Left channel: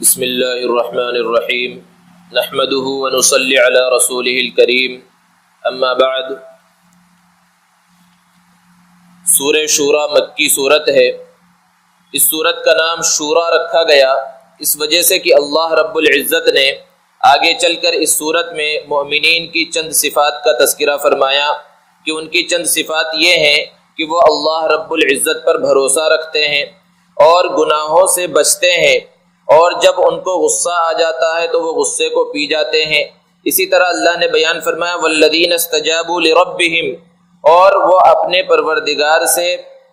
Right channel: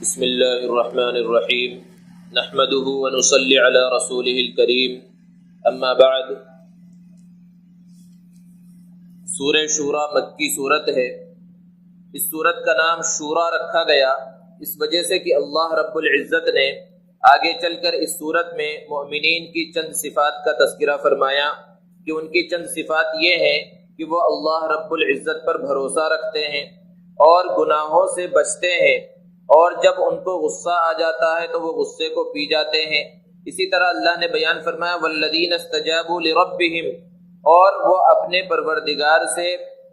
بسم اللہ الرحمن الرحیم نحمده ونصلی علی رسوله الکریم اما بعد۔ سورہ شورى مکی صورت ہے۔ اس صورت کا نام شورى رکھا گیا اس وجہ سے کہ اللہ رب العزت نے آگے چل کر اس صورت میں مؤمنین کی چند صفات کا تذکرہ فرمایا کہ ان کی چند صفات یہ ہیں کہ وہ اللہ رب العزت پر بھروسہ رکھتے ہیں اور گناہوں سے بچتے ہیں، اور جب ان کو غصہ آ جاتا ہے تو وہ غصے کو پی جاتے ہیں۔ اسی طرح اللہ نے بیان فرمایا والذین استجابوا لربہم، اور وہ اپنے پروردگار سے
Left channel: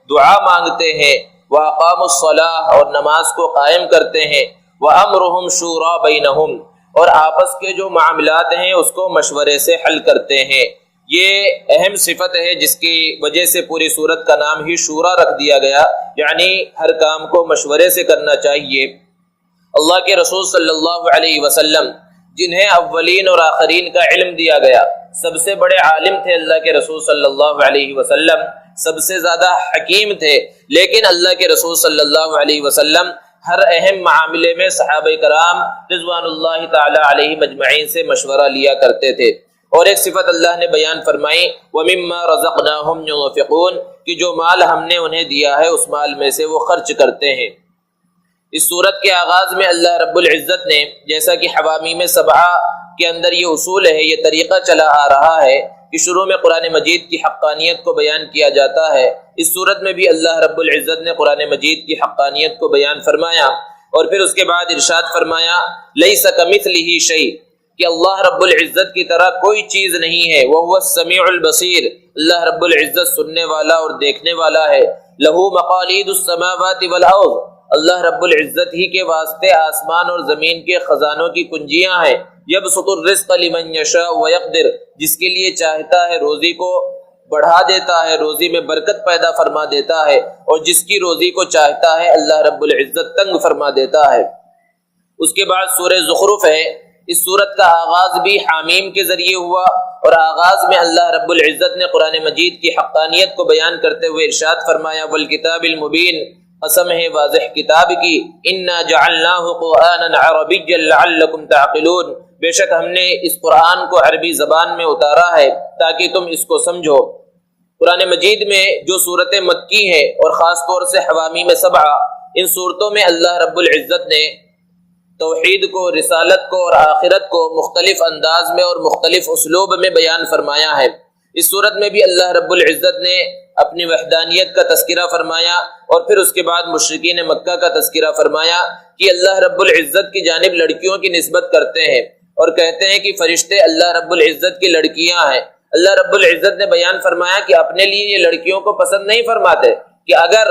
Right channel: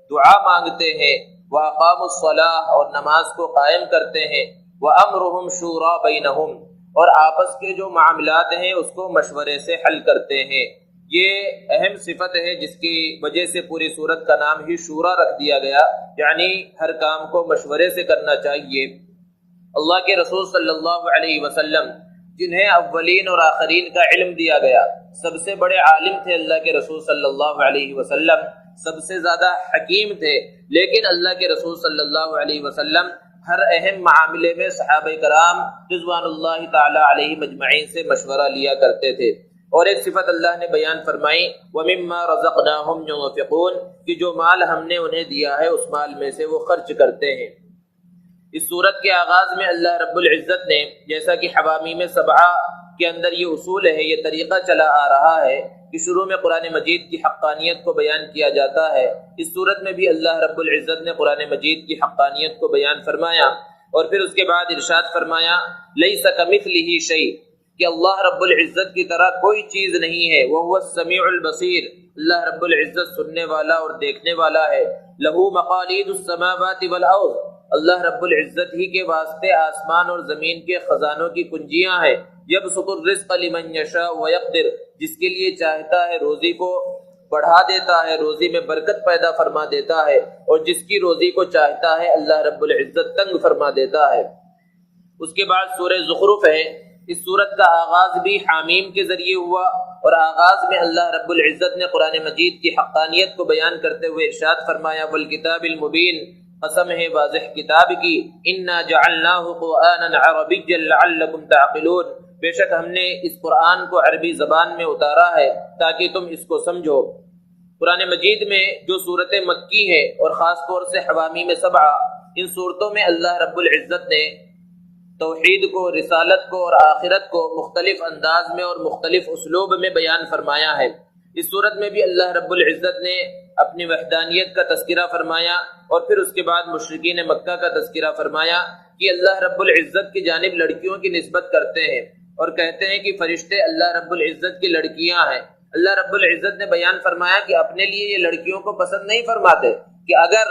دعا مانگتے ہیں، واقاموا الصلاۃ، اور نماز کو قائم کرتے ہیں، وامرہم شوری بینہم، اور آپس کے جو معاملات ہیں اس کو مشورے سے حل کرتے ہیں۔ یہ اہم صفت ہے جس کی وجہ سے پوری صورت کا نام ہی شورا رکھ دیا گیا، یعنی ہر کام کو مشورے سے کرنا چاہیے۔ اللہ کے رسول صلی اللہ علیہ وسلم جنہیں اولین اور آخرین کا علم دیا گیا، سب سے بڑے عالم تھے اللہ کے رسول صلی اللہ علیہ وسلم، سب سے زیادہ حکیم تھے، لیکن اللہ کے رسول صلی اللہ علیہ وسلم ہر اہم معاملے میں صحابہ کرام رضوان اللہ تعالی علیہم اجمعین سے مشورہ لیا کرتے تھے۔ اور ایک صفت اللہ نے بیان فرمائی وَمِمَّا رَزَقْنَاهُمْ يُنْفِقُونَ، کہ جو مال ہم نے انہیں دیا ہے اس مال میں سے وہ خرچ کرتے ہیں۔ اس صورت کے آغاز میں اللہ رب العزت نے، جیسا کہ حوامیم سبعہ کے اندر یہ اصول ہے، یہ طریقہ چلا آ رہا ہے کہ شروع میں قرآن مجید کی حقانیت کو بیان کیا جاتا ہے، اس صورت میں بھی اللہ رب العزت نے قرآن مجید کی حقانیت کو بیان فرمایا، اور پھر اس کے بعد ارشاد فرمایا لیس کمثلہ شیء، کہ اللہ رب العزت کی طرح کوئی چیز نہیں ہے، وہو السمیع البصیر، اللہ رب العزت سننے والا اور دیکھنے والا ہے، لہ مقالید السماوات والارض، اللہ رب العزت ہی کے واسطے آسمان اور زمین کے خزانوں کی کنجیاں ہیں، یبسط الرزق لمن یشاء ویقدر، جس کے لیے چاہتا ہے روزی کو بڑھا دیتا ہے، روزی میں برکت پیدا فرما دیتا ہے، اور جس کی روزی کو چاہتا ہے اللہ رب العزت تنگ فرما دیتا ہے۔ اس کے بعد سورہ زخرف ہے۔ اس سورت کا آغاز بھی حامیم کے ذریعے ہوا، اور آغاز میں اللہ رب العزت نے قرآن مجید کی حقانیت کو بیان کرتے ہوئے ارشاد فرمایا والکتاب المبین، قسم ہے واضح کتاب کی، انا جعلناہ قرآنا عربیا لعلکم تعقلون، بے شک ہم نے اس قرآن کو عربی زبان میں اتارا ہے تاکہ تم اس کو سمجھو۔ قرآن مجید میں جو صورتیں مکی ہیں اور خاص طور سے حوامیم سبعہ، ان صورتوں میں اللہ رب العزت نے توحید کو، رسالت کو اور آخرت کو مختلف انداز میں اور مختلف اسلوب میں بیان فرمایا ہے۔ اس صورت میں بھی اللہ رب العزت نے اپنی وحدانیت کا تذکرہ فرمایا، اور پھر اس کے بعد مشرکین مکہ کا تذکرہ فرمایا کہ اللہ رب العزت کی جانب لڑکیوں کی نسبت کرتے ہیں اور کہتے ہیں کہ فرشتے اللہ رب العزت کی لڑکیاں ہیں۔ اللہ رب العزت نے بیان فرمایا کہ اپنے لیے یہ لڑکیوں کو پسند نہیں فرماتے، کہ اگر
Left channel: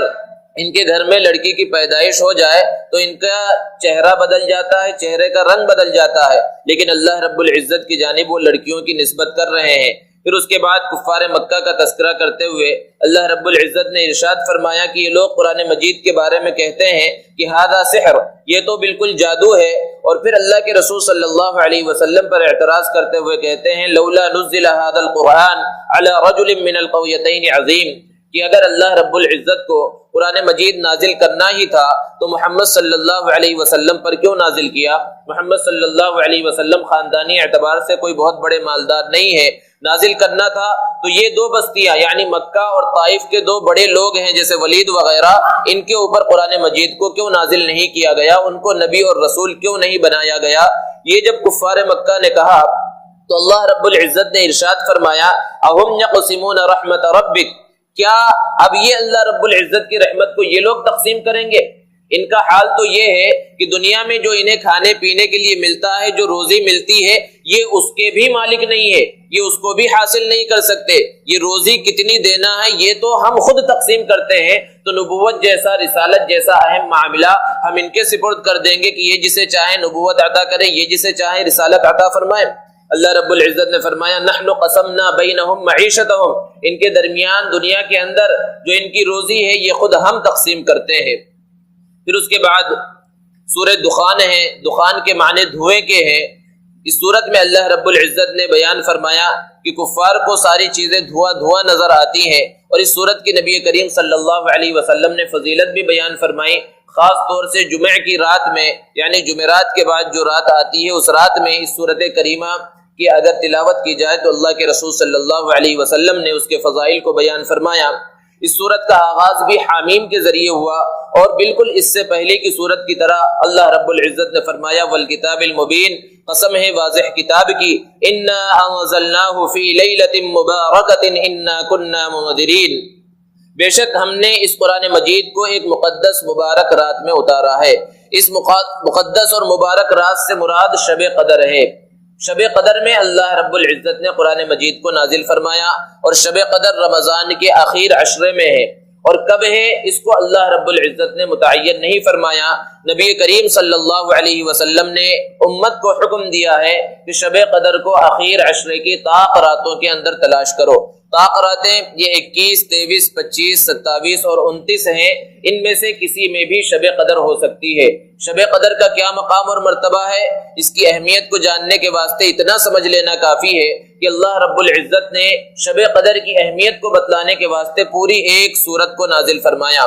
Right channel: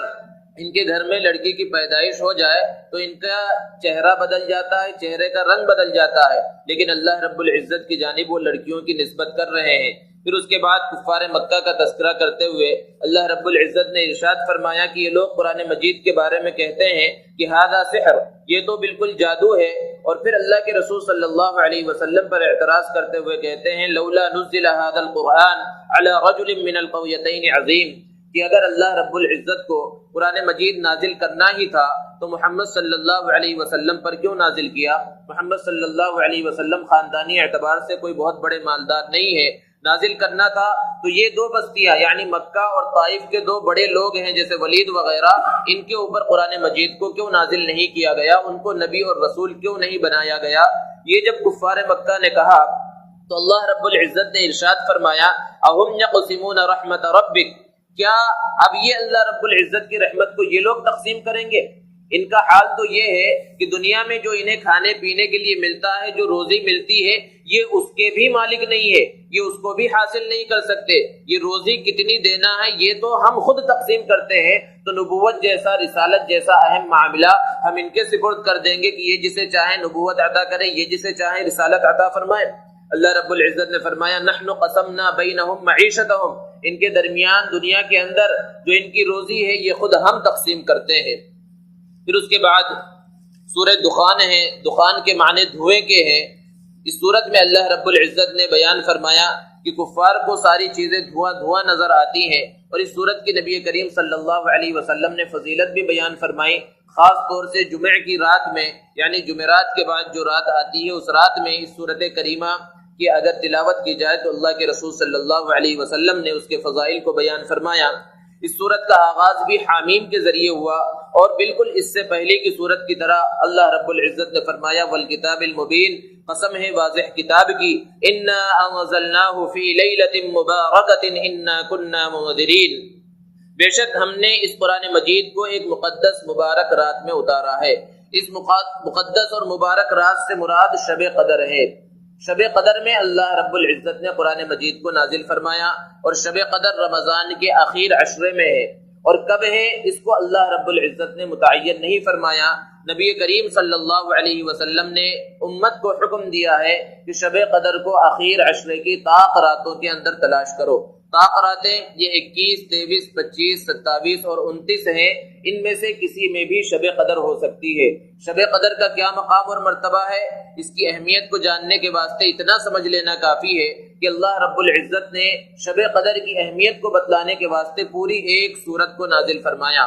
ان کے گھر میں لڑکی کی پیدائش ہو جائے تو ان کا چہرہ بدل جاتا ہے، چہرے کا رنگ بدل جاتا ہے، لیکن اللہ رب العزت کی جانب وہ لڑکیوں کی نسبت کر رہے ہیں۔ پھر اس کے بعد کفار مکہ کا تذکرہ کرتے ہوئے اللہ رب العزت نے ارشاد فرمایا کہ یہ لوگ قرآن مجید کے بارے میں کہتے ہیں کہ ھذا سحر، یہ تو بالکل جادو ہے، اور پھر اللہ کے رسول صلی اللہ علیہ وسلم پر اعتراض کرتے ہوئے کہتے ہیں لولا نزل ھذا القرآن علی رجل من القریتین عظیم، کہ اگر اللہ رب العزت کو قرآن مجید نازل کرنا ہی تھا تو محمد صلی اللہ علیہ وسلم پر کیوں نازل کیا؟ محمد صلی اللہ علیہ وسلم خاندانی اعتبار سے کوئی بہت بڑے مالدار نہیں ہے، نازل کرنا تھا تو یہ دو بستیاں یعنی مکہ اور طائف کے دو بڑے لوگ ہیں جیسے ولید وغیرہ، ان کے اوپر قرآن مجید کو کیوں نازل نہیں کیا گیا، ان کو نبی اور رسول کیوں نہیں بنایا گیا؟ یہ جب کفار مکہ نے کہا تو اللہ رب العزت نے ارشاد فرمایا اہم یقسمون رحمت ربک، کیا اب یہ اللہ رب العزت کی رحمت کو یہ لوگ تقسیم کریں گے؟ ان کا حال تو یہ ہے کہ دنیا میں جو انہیں کھانے پینے کے لیے ملتا ہے، جو روزی ملتی ہے، یہ اس کے بھی مالک نہیں ہے، یہ اس کو بھی حاصل نہیں کر سکتے، یہ روزی کتنی دینا ہے یہ تو ہم خود تقسیم کرتے ہیں، تو نبوت جیسا، رسالت جیسا اہم معاملہ ہم ان کے سپرد کر دیں گے کہ یہ جسے چاہے نبوت عطا کرے، یہ جسے چاہے رسالت عطا فرمائے۔ اللہ رب العزت نے فرمایا نحن قسمنا بینہم معیشتہم، ان کے درمیان دنیا کے اندر جو ان کی روزی ہے یہ خود ہم تقسیم کرتے ہیں۔ پھر اس کے بعد سورہ دخان ہے، دخان کے معنی دھوئیں کے ہیں، اس صورت میں اللہ رب العزت نے بیان فرمایا کہ کفار کو ساری چیزیں دھواں دھواں نظر آتی ہیں، اور اس صورت کی نبی کریم صلی اللہ علیہ وسلم نے فضیلت بھی بیان فرمائی، خاص طور سے جمعہ کی رات میں، یعنی جمعرات کے بعد جو رات آتی ہے اس رات میں اس صورت کریمہ کی اگر تلاوت کی جائے تو اللہ کے رسول صلی اللہ علیہ وسلم نے اس کے فضائل کو بیان فرمایا۔ اس صورت کا آغاز بھی حامیم کے ذریعے ہوا، اور بالکل اس سے پہلے کی صورت کی طرح اللہ رب العزت نے فرمایا والکتاب المبین، قسم ہے واضح کتاب کی، انا انزلناہ فی لیلۃ مبارکۃ انا کنا منذرین، بے شک ہم نے اس قرآن مجید کو ایک مقدس مبارک رات میں اتارا ہے۔ اس مقدس اور مبارک رات سے مراد شب قدر ہے۔ شب قدر میں اللہ رب العزت نے قرآن مجید کو نازل فرمایا، اور شب قدر رمضان کے آخر عشرے میں ہے، اور کب ہے اس کو اللہ رب العزت نے متعین نہیں فرمایا۔ نبی کریم صلی اللہ علیہ وسلم نے امت کو حکم دیا ہے کہ شب قدر کو آخر عشرے کی طاق راتوں کے اندر تلاش کرو۔ طاق راتیں یہ 21، 23، 25، 27 اور 29 ہیں، ان میں سے کسی میں بھی شب قدر ہو سکتی ہے۔ شب قدر کا کیا مقام اور مرتبہ ہے، اس کی اہمیت کو جاننے کے واسطے اتنا سمجھ لینا کافی ہے کہ اللہ رب العزت نے شب قدر کی اہمیت کو بتلانے کے واسطے پوری ایک سورت کو نازل فرمایا۔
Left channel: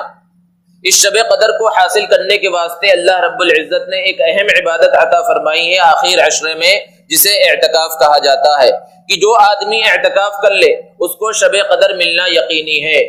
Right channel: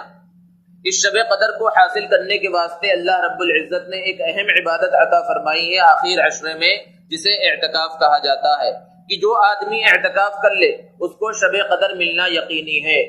اس شب قدر کو حاصل کرنے کے واسطے اللہ رب العزت نے ایک اہم عبادت عطا فرمائی ہے آخر عشرے میں، جسے اعتکاف کہا جاتا ہے، کہ جو آدمی اعتکاف کر لے اس کو شب قدر ملنا یقینی ہے،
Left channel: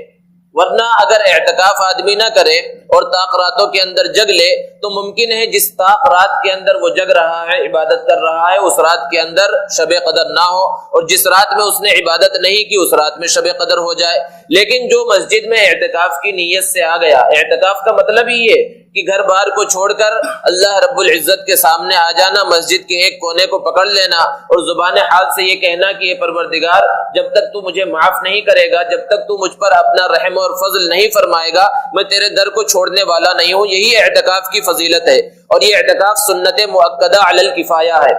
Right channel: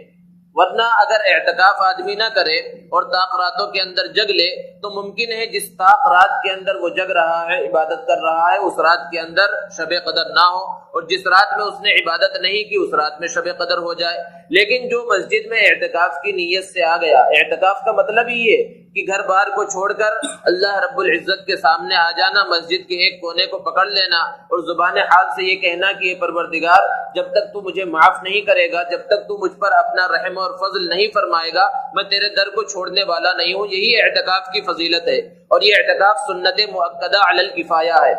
ورنہ اگر اعتکاف آدمی نہ کرے اور طاق راتوں کے اندر جگ لے تو ممکن ہے جس طاق رات کے اندر وہ جگ رہا ہے، عبادت کر رہا ہے، اس رات کے اندر شب قدر نہ ہو، اور جس رات میں اس نے عبادت نہیں کی اس رات میں شب قدر ہو جائے۔ لیکن جو مسجد میں اعتکاف کی نیت سے آ گیا، اعتکاف کا مطلب ہی ہے کہ گھر بار کو چھوڑ کر اللہ رب العزت کے سامنے آ جانا، مسجد کے ایک کونے کو پکڑ لینا اور زبان حال سے یہ کہنا کہ یہ پروردگار جب تک تو مجھے معاف نہیں کرے گا، جب تک تو مجھ پر اپنا رحم اور فضل نہیں فرمائے گا، میں تیرے در کو چھوڑنے والا نہیں ہوں۔ یہی اعتکاف کی فضیلت ہے، اور یہ اعتکاف سنت مؤکدہ علی الکفایہ ہے۔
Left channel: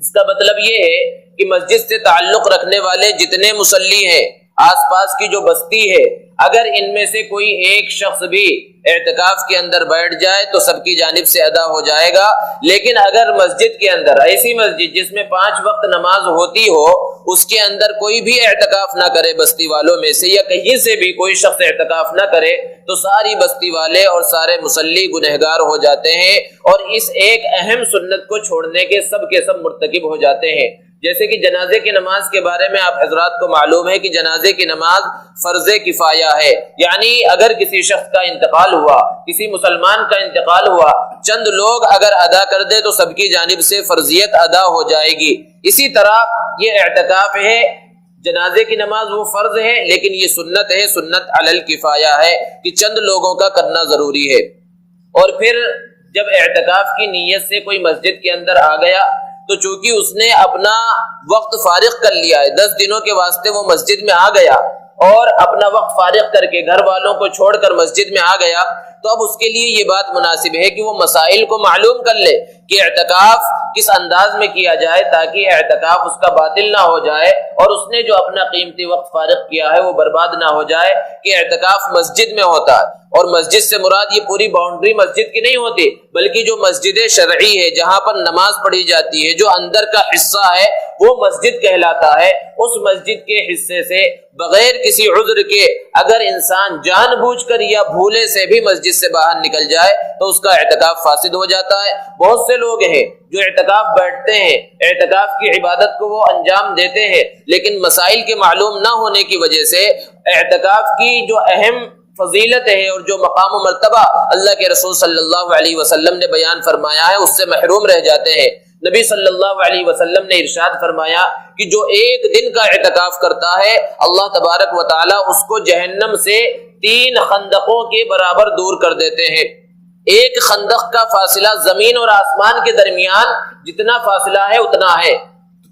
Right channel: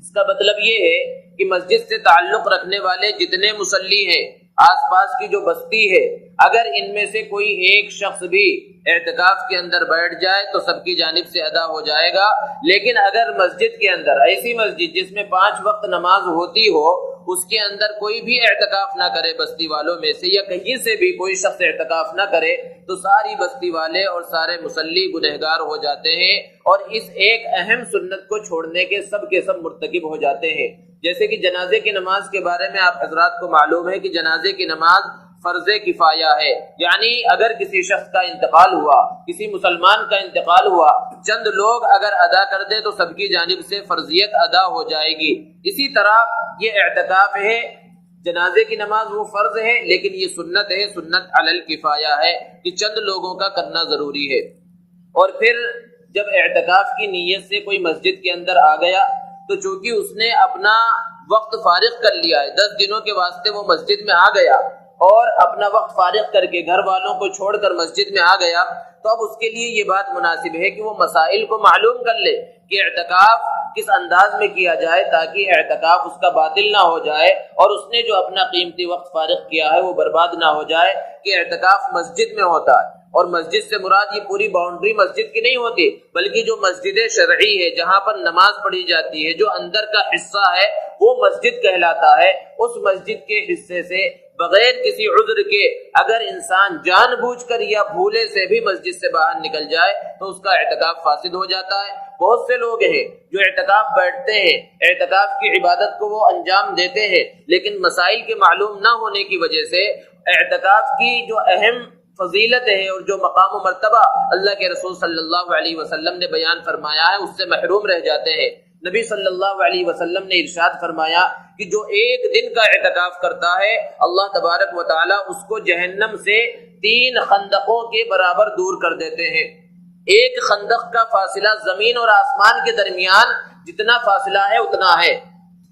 اس کا مطلب یہ ہے کہ مسجد سے تعلق رکھنے والے جتنے مصلی ہیں، آس پاس کی جو بستی ہے، اگر ان میں سے کوئی ایک شخص بھی اعتکاف کے اندر بیٹھ جائے تو سب کی جانب سے ادا ہو جائے گا۔ لیکن اگر مسجد کے اندر، ایسی مسجد جس میں 5 وقت نماز ہوتی ہو، اس کے اندر کوئی بھی اعتکاف نہ کرے بستی والوں میں سے، یا کہیں سے بھی کوئی شخص اعتکاف نہ کرے، تو ساری بستی والے اور سارے مصلی گنہگار ہو جاتے ہیں، اور اس ایک اہم سنت کو چھوڑنے کے سب مرتکب ہو جاتے ہیں۔ جیسے کہ جنازے کی نماز کے بارے میں آپ حضرات کو معلوم ہے کہ جنازے کی نماز فرض کفایہ ہے، یعنی اگر کسی شخص کا انتقال ہوا، کسی مسلمان کا انتقال ہوا، چند لوگ اگر ادا کر دے تو سب کی جانب سے فرضیت ادا ہو جائے گی۔ اسی طرح یہ اعتکاف ہے، جنازے کی نماز وہ فرض ہے لیکن یہ سنت ہے، سنت علی الکفایہ ہے کہ چند لوگوں کا کرنا ضروری ہے۔ اور پھر جب اعتکاف کی نیت سے کوئی مسجد کے اندر آ گیا تو چونکہ اس نے اپنا وقت فارغ کر لیا ہے، 10 دنوں کے واسطے وہ مسجد میں آ گیا اور اپنا وقت فارغ کر کے گھر والوں کو چھوڑ کر مسجد میں آ گیا، تو اب اس کے لیے یہ بات مناسب ہے کہ وہ مسائل کو معلوم کر لے کہ اعتکاف کس انداز میں کیا جائے تاکہ اعتکاف اس کا باطل نہ ہو جائے اور اس نے جو اپنا قیمتی وقت فارغ کیا ہے وہ برباد نہ ہو جائے۔ کہ اعتکاف مسجد میں ہوتا ہے، اور مسجد سے مراد یہ پوری باؤنڈری مسجد کی نہیں ہوتی، بلکہ جو مسجد شرعی ہے جہاں پر نماز پڑھی جاتی ہے، جو اندر کا حصہ ہے وہ مسجد کہلاتا ہے۔ اس مسجد کے حصے سے بغیر کسی عذر کے اگر انسان جان بوجھ کر یا بھولے سے بھی مسجد سے باہر نکل جائے تو اس کا اعتکاف فاسد ہو جاتا ہے۔ بہت سے لوگ ہیں جو اعتکاف بیٹھتے ہیں، اعتکاف کی عبادت کو وہ انجام دیتے ہیں، لیکن مسائل کے معلوم نہ ہونے کی وجہ سے اعتکاف کی جو اہم فضیلت ہے اور جو مقام و مرتبہ اللہ کے رسول صلی اللہ علیہ وسلم نے بیان فرمایا ہے اس سے محروم رہ جاتے ہیں۔ نبی صلی اللہ علیہ وسلم نے ارشاد فرمایا کہ جو ایک دن کا اعتکاف کرتا ہے اللہ تبارک و تعالی اس کو جہنم سے 3 خندقوں کے برابر دور کر دیتے ہیں۔ ایک خندق کا فاصلہ زمین اور آسمان کے درمیان جتنا فاصلہ ہے اتنا ہے،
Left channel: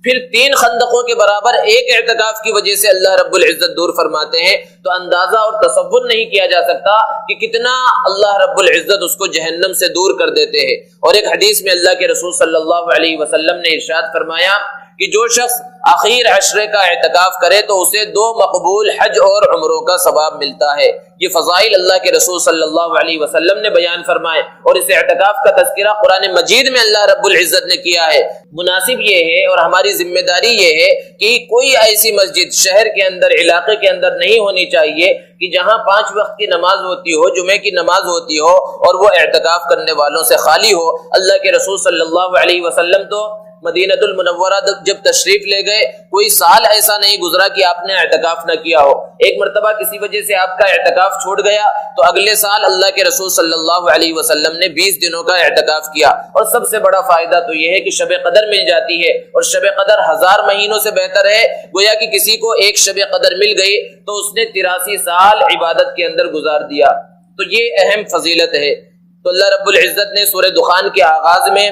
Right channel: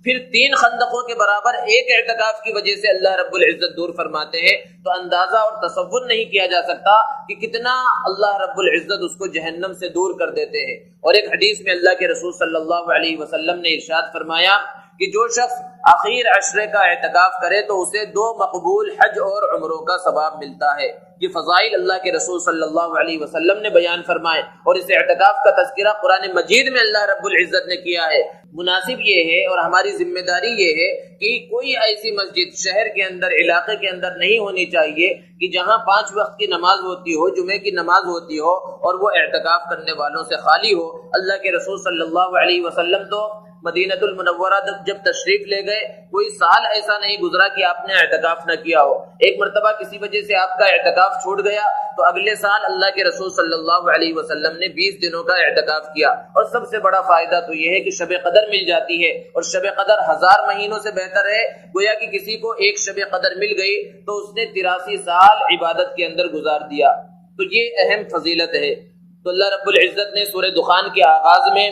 پھر 3 خندقوں کے برابر ایک اعتکاف کی وجہ سے اللہ رب العزت دور فرماتے ہیں، تو اندازہ اور تصور نہیں کیا جا سکتا کہ کتنا اللہ رب العزت اس کو جہنم سے دور کر دیتے ہیں۔ اور ایک حدیث میں اللہ کے رسول صلی اللہ علیہ وسلم نے ارشاد فرمایا کہ جو شخص آخر عشرے کا اعتکاف کرے تو اسے 2 مقبول حج اور عمروں کا ثواب ملتا ہے۔ یہ فضائل اللہ کے رسول صلی اللہ علیہ وسلم نے بیان فرمائے اور اس اعتکاف کا تذکرہ قرآن مجید میں اللہ رب العزت نے کیا ہے۔ مناسب یہ ہے اور ہماری ذمہ داری یہ ہے کہ کوئی ایسی مسجد شہر کے اندر، علاقے کے اندر نہیں ہونی چاہیے کہ جہاں 5 وقت کی نماز ہوتی ہو، جمعے کی نماز ہوتی ہو اور وہ اعتکاف کرنے والوں سے خالی ہو۔ اللہ کے رسول صلی اللہ علیہ وسلم تو مدینہ المنورہ جب تشریف لے گئے کوئی سال ایسا نہیں گزرا کہ آپ نے اعتکاف نہ کیا ہو۔ ایک مرتبہ کسی وجہ سے آپ کا اعتکاف چھوٹ گیا تو اگلے سال اللہ کے رسول صلی اللہ علیہ وسلم نے 20 دنوں کا اعتکاف کیا۔ اور سب سے بڑا فائدہ تو یہ ہے کہ شب قدر مل جاتی ہے، اور شب قدر 1000 مہینوں سے بہتر ہے۔ گویا کہ کسی کو ایک شب قدر مل گئی تو اس نے 83 سال عبادت کے اندر گزار دیا، تو یہ اہم فضیلت ہے۔ تو اللہ رب العزت نے سورہ دخان کے آغاز میں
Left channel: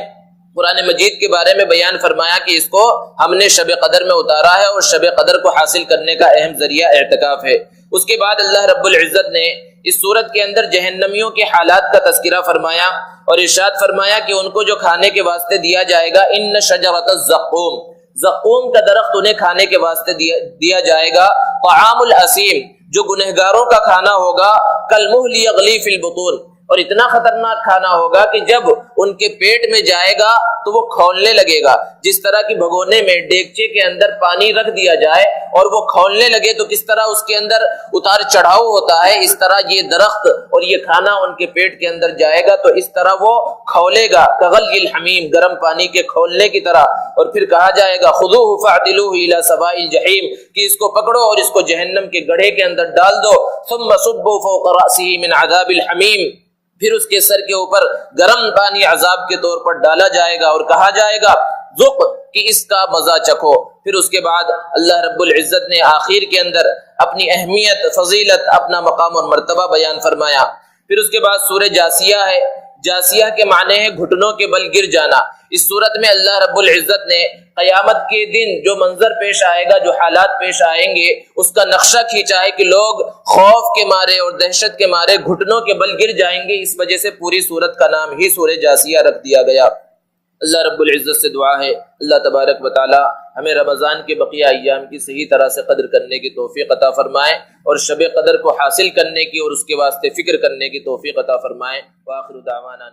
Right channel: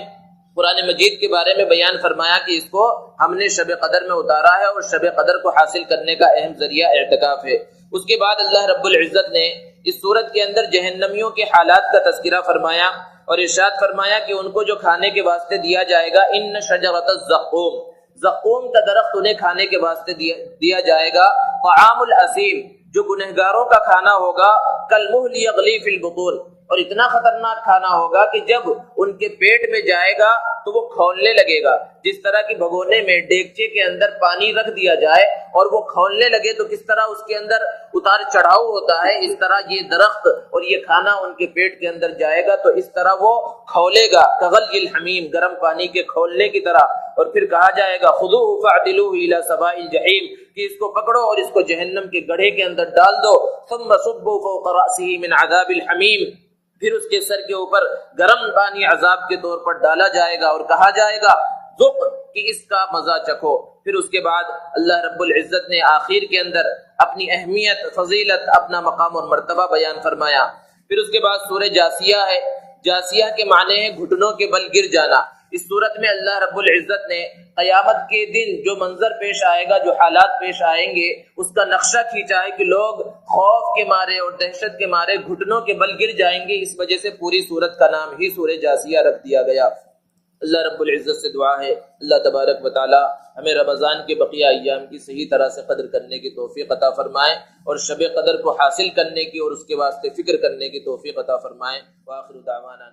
قرآن مجید کے بارے میں بیان فرمایا کہ اس کو ہم نے شب قدر میں اتارا ہے اور شب قدر کو حاصل کرنے کا اہم ذریعہ اعتکاف ہے۔ اس کے بعد اللہ رب العزت نے اس سورت کے اندر جہنمیوں کے حالات کا تذکرہ فرمایا اور ارشاد فرمایا کہ ان کو جو کھانے کے واسطے دیا جائے گا، ان شجرۃ الزقوم، زقوم کا درخت انہیں کھانے کے واسطے دیا جائے گا، طعام الاسیم، جو گنہگاروں کا کھانا ہوگا، کالمہل یغلی فی البطون، اور اتنا خطرناک کھانا ہوگا کہ جب ان کے پیٹ میں جائے گا تو وہ کھولنے لگے گا۔ جس طرح کی بھگونے میں ڈیگچے کے اندر پانی رکھ دیا جائے اور وہ کھولنے لگے تو کس طرح اس کے اندر اتار چڑھاؤ ہوتا ہے، اس طرح یہ درخت اور یہ کھانا ان کے پیٹ کے اندر جائے گا تو اس طرح وہ کھولے گا، کغلی الحمیم، گرم پانی کے کھولنے کی طرح۔ اور پھر کہا جائے گا خذوہ فاعتلوہ الی سواء الجحیم، کہ اس کو پکڑو اور اس کو جہنم کے گڑھے کے اندر ڈال دو، ثم صبوا فوق رأسہ من عذاب الحمیم، پھر اس کے سر کے اوپر گرم پانی عذاب کے طور پر ڈالا جائے گا اور کہا جائے گا ذق، کہ اس کا مزہ چکھو۔ پھر اس کے بعد اللہ رب العزت نے آخر کے اندر اپنی اہمیت، فضیلت، اپنا مقام اور مرتبہ بیان فرمایا۔ پھر اس کے بعد سورہ جاسیہ ہے۔ جاسیہ کے معنی ہے گھٹنوں کے بل گر جانا۔ اس صورت میں اللہ رب العزت نے قیامت کے دن جو منظر پیش آئے گا، جو حالات پیش آئیں گے، اس کا نقشہ کھینچا ہے کہ لوگ خوف کے مارے اور دہشت کے مارے گھٹنوں کے بل گر جائیں گے۔ اس وجہ سے پوری صورت کا نام ہی سورہ جاسیہ رکھ دیا گیا۔ اللہ رب العزت سے دعا ہے اللہ تبارک و تعالی ہمیں رمضان کے بقیہ ایام کی صحیح طرح سے قدر کرنے کی توفیق عطا فرمائے اور شب قدر کو حاصل کرنے کی اور اس کے واسطے فکر کرنے کی توفیق عطا فرمائے۔ وآخر دعوانا